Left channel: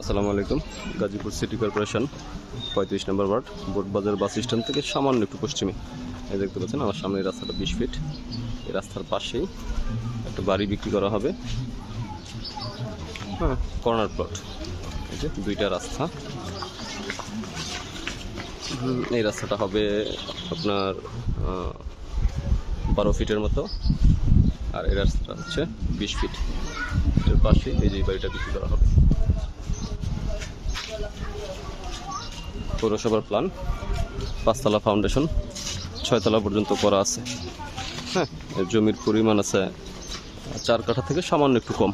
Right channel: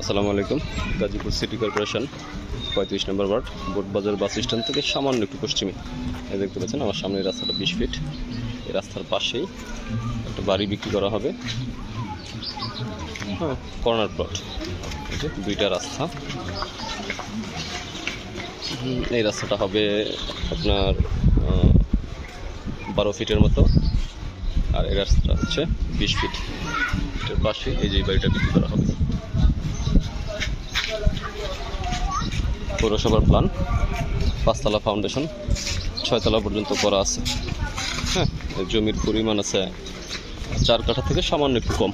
আসসালামু আলাইকুম। Gazipur city corporation 35 নম্বর word Botbazar bus stand থেকে সামান্য একটু পশ্চিমে এই দেখতে পাচ্ছেন আমার সামনের রাস্তাটা 20 ফিট। এই রাস্তার পাশেই একটা বাড়ি বিক্রি করা হবে। হ্যাঁ, কর্নার প্লট। এই যে দুইটা রাস্তা। এই রাস্তাটা হবে আপনার 12 ফিটের মতো, আর এই রাস্তাটা হচ্ছে 20 ফিট। এর পাশে এই যে বাড়িটা বিক্রি করা হবে। পৌরসভার প্ল্যান, 5 তলা ফাউন্ডেশন, 6 তলা পর্যন্ত করা আছে। হ্যাঁ, জমির পরিমাণ আছে 4 কাঠা থেকে সামান্য একটু কম।